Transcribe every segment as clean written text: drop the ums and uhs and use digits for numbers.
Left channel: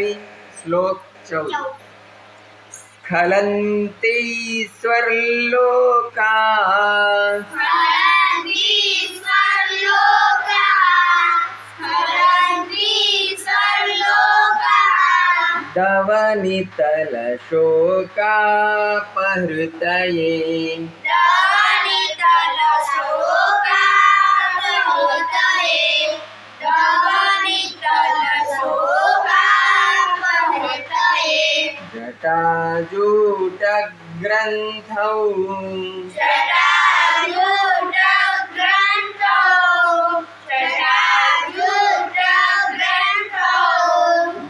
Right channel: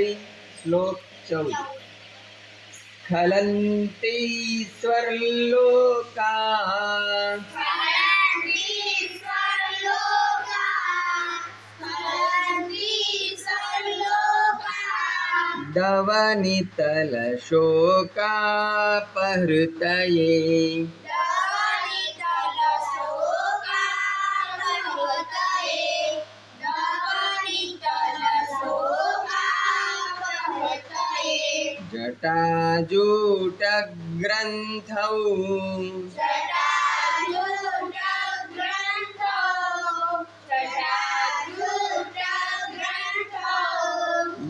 पल्लवी श्लोक 14 स्खलन्ति स्वर्लोका दवनितलशोकापहृतये जटाजूटग्रन्थौ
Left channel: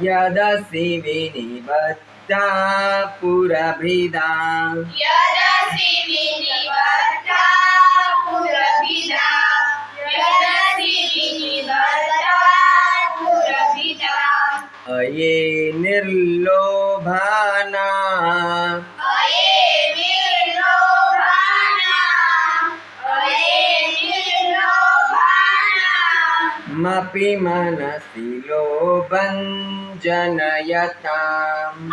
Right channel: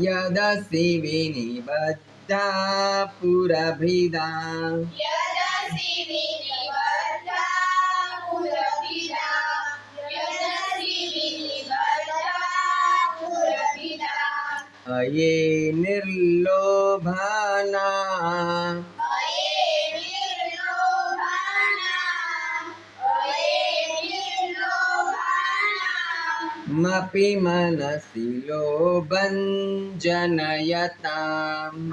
यदसि विनिबद्धा पुरभिदा अये निर्लोभाना मपि मनसि लोभं जनयताम्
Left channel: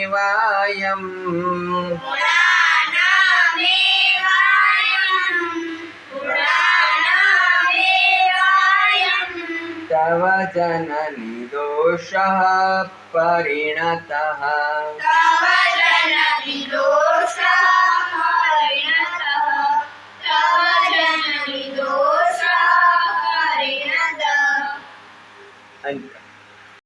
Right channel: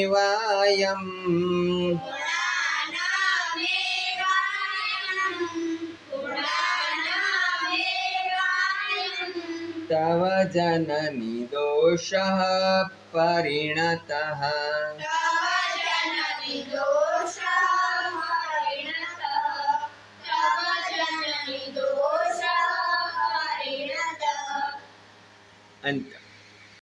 गुणानामेवायम् तव जननि दोषः परिणतः अंत